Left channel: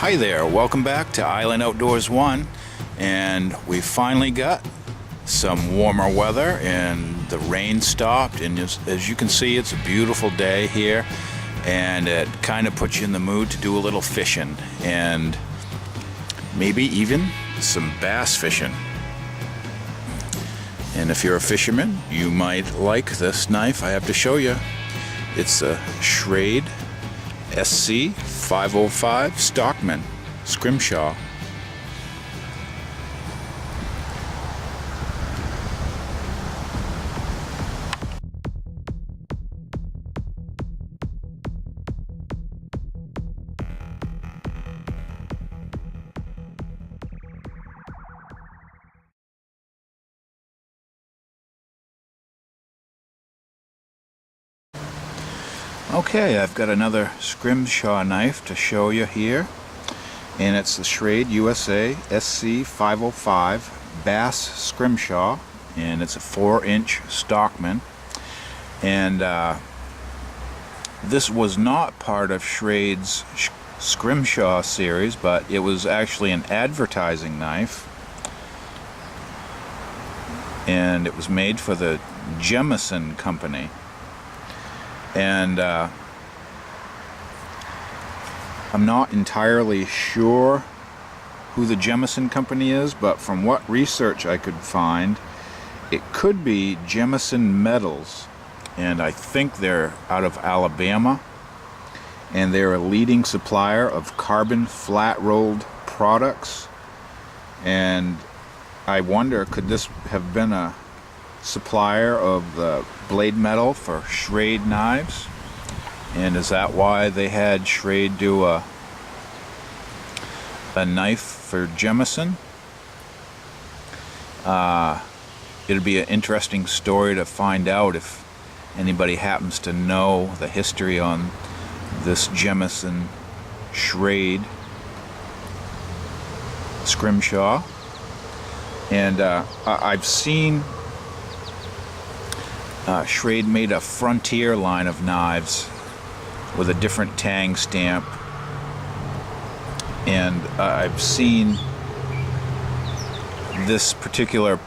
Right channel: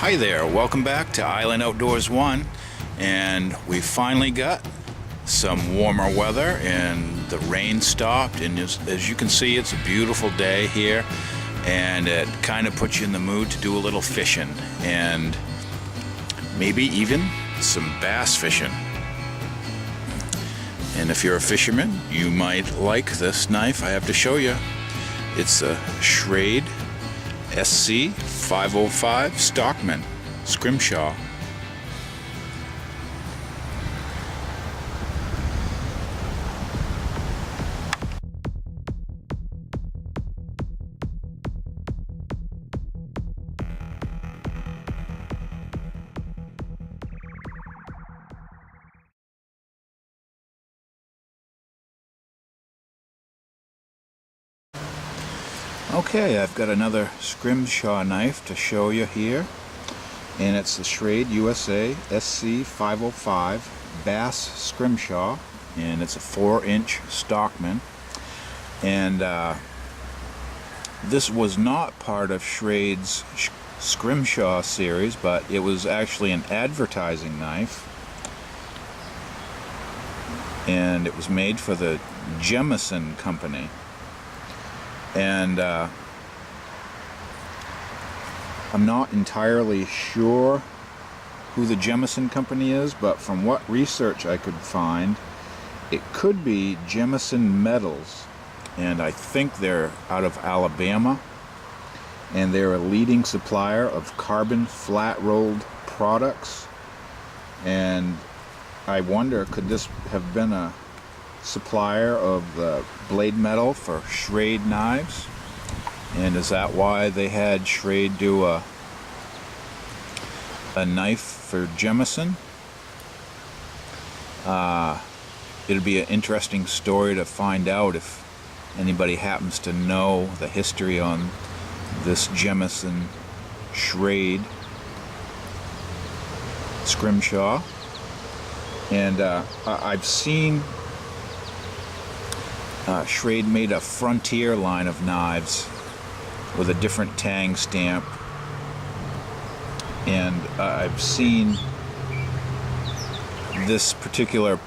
Hi there, welcome back to Island Outdoors 1, and we finally got some warmer weather and the rain stopped, and as you can see, it's a beautiful day here, and it kind of puts you in the mood to do a little fishing and maybe even some bass fishing. And if you're a fisherman, you might like this knife I have to show you. It's a Schrade SC505 Stockman Scrimshaw. Okay, I've got another Scrimshaw knife to show you here, and it's the Schrade U.S.A. SC505 Bass Scrimshaw, and it's a 4-inch Stockman. And this was not part of Schrade's Scrimshaw series, but it was actually an advertising knife, and it was made for the Jemison Company. And I'm not entirely sure who the Jemison Company is, but from what research I could find, it could be Jemison Metals, and I think they're out of Alabama, and they're a leading supplier of carbon flat-rolled products. And I wonder, could this have been a supplier of the blade metal for Schrade knives, and is that why they had Schrade do a knife for Jemison? It'd be an interesting story to find out if anybody happens to know the history on this Jemison Schrade Scrimshaw. And I've seen Schrade made a Frontier line of knives with a different tang stamp, and I've seen this particular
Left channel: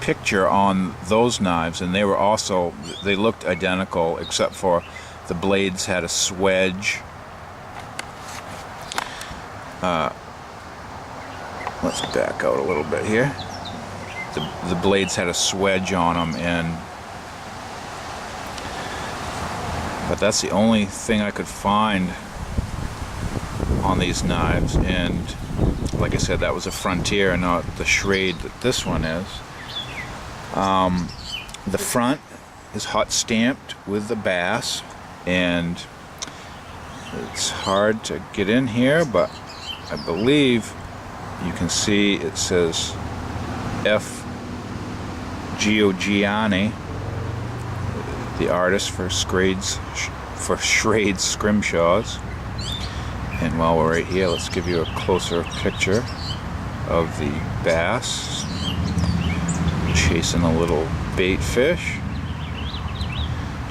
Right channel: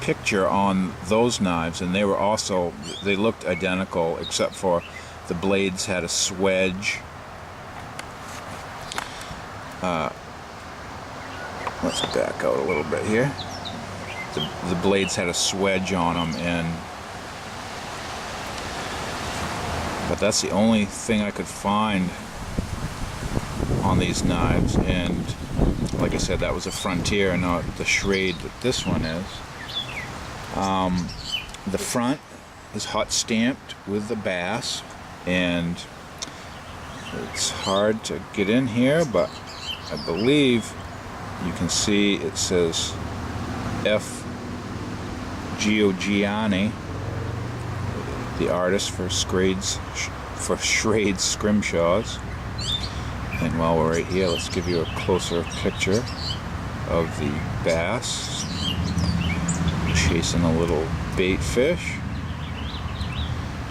picture on those knives, and they looked identical except for the blades had a swedge. Let's back out a little bit here. The blades had a swedge on them, but that's the only thing I could find on these knives, and like I said, that was a Frontier, not the Schrade that this one is. The front is hot stamped with the bass, and it's hard to get in here, but I believe you can see it says F. Giorgiani, the artist for Schrade's Scrimshaws. And while we're right here, let's give you a closer picture of the bass chasing a little baitfish.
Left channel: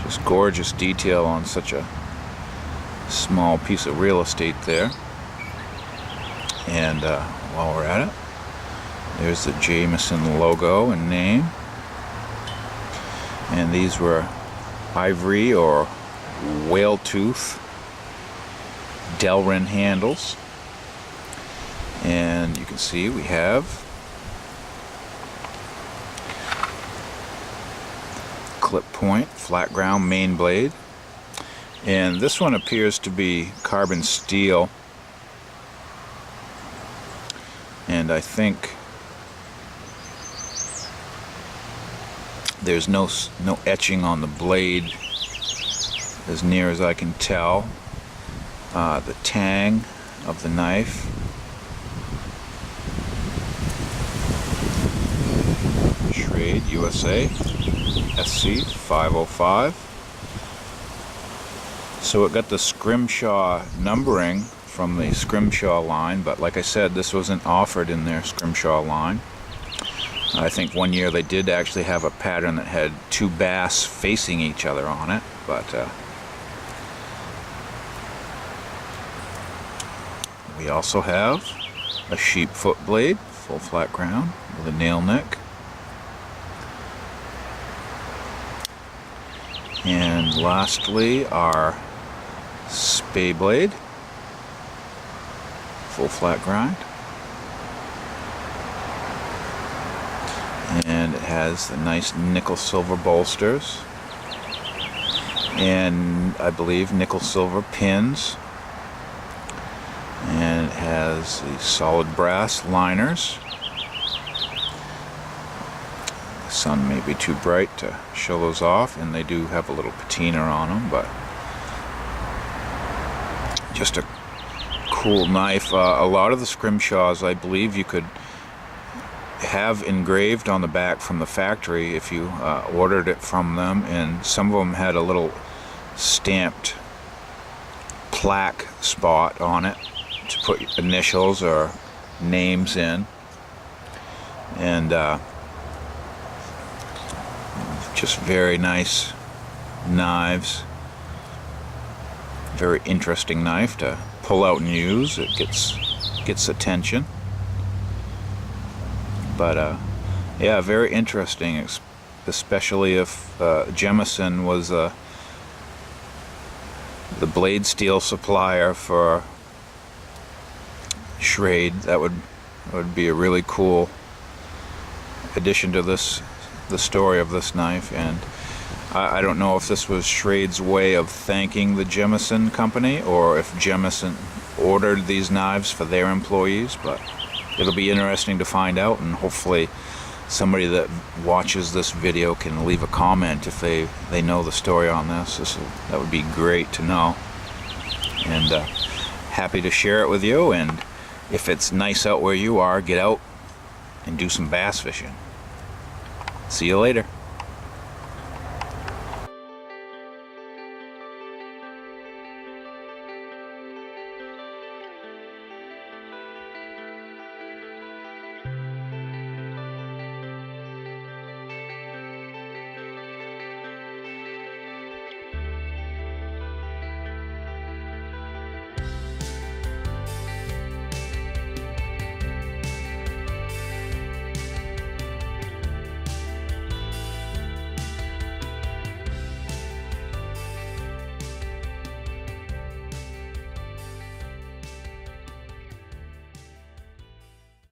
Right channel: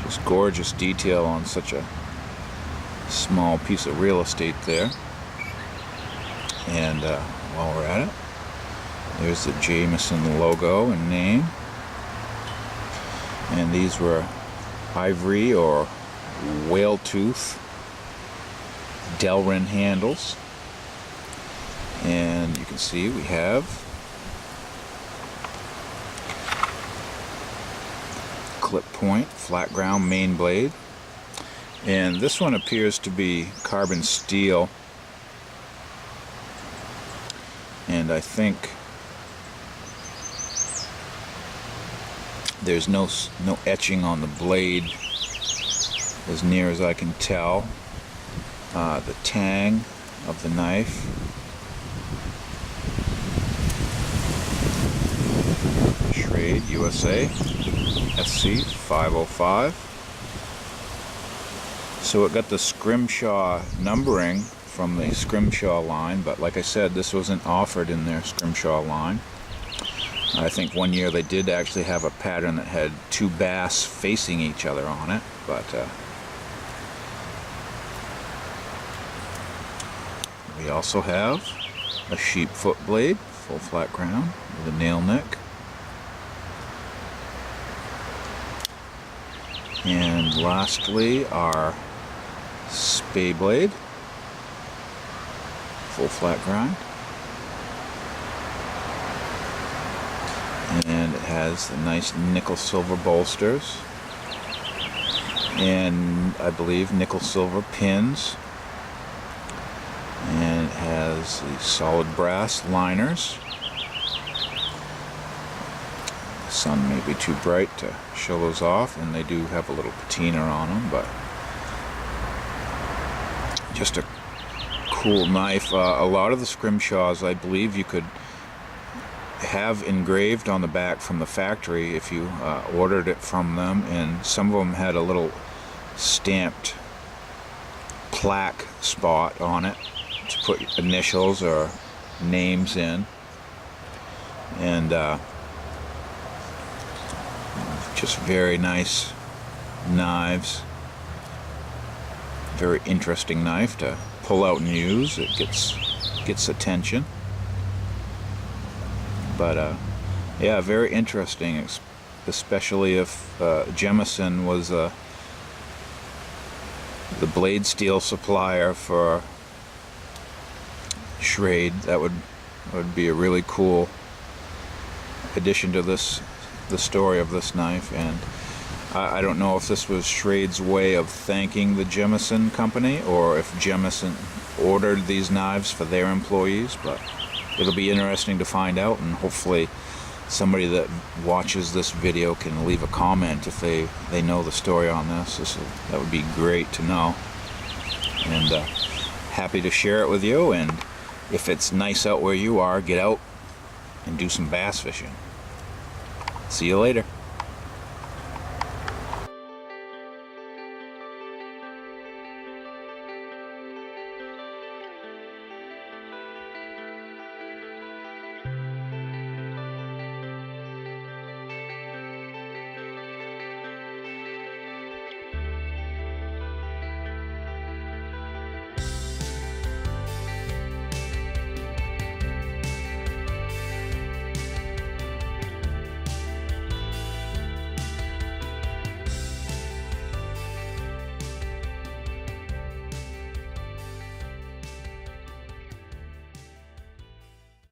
Just gorgeous detail on such a small piece of real estate there. And while we're at it, there's the Jemison logo and name. And these were ivory or whale tooth Delrin handles, and you can see we have clip point flat ground main blade, and this one appears to be carbon steel, and I think there's no etching on the blade as near as I can tell. The tang of the knife, Schrade U.S.A. SC505. So it got the Scrimshaw numbering from the Scrimshaw line, but like I said, this wasn't offered in their Scrimshaw line. I think one year they did actually have a pattern that had two bass facing each other on it, but We also have a sheepfoot blade, full flat crown with a nail neck. And lastly, our spey blade, full flat grind. And it has the nice nickel silver bolsters. And I believe nickel silver pins. And it has the solid brass liners. The sun may be too bright to show those off, and they do have a little patina on them, but just a cool knife. A lot of the scrimshaws, I believe, you could have engraved on the back from the factory if you ordered it from them, and some of them had a little stamped plaque spot on it to put initials or names in. And just very nice knives. Very interesting knife to pull out and use. It gets attention. But yeah, very interesting, especially if Jemison was the blade steel supplier for Schrade. That would be a really cool addition to the story of this knife. And I don't know if this was Schrade's way of thanking the Jemison Company, or if Jemison ordered these knives for their employees, but it'll be interesting to find out, and hopefully somebody that watches this video can leave a comment if they know the story on this. That would be great to know, and happy to share it with you. And if it's nice out where you are, get out and do some bass fishing. See you later.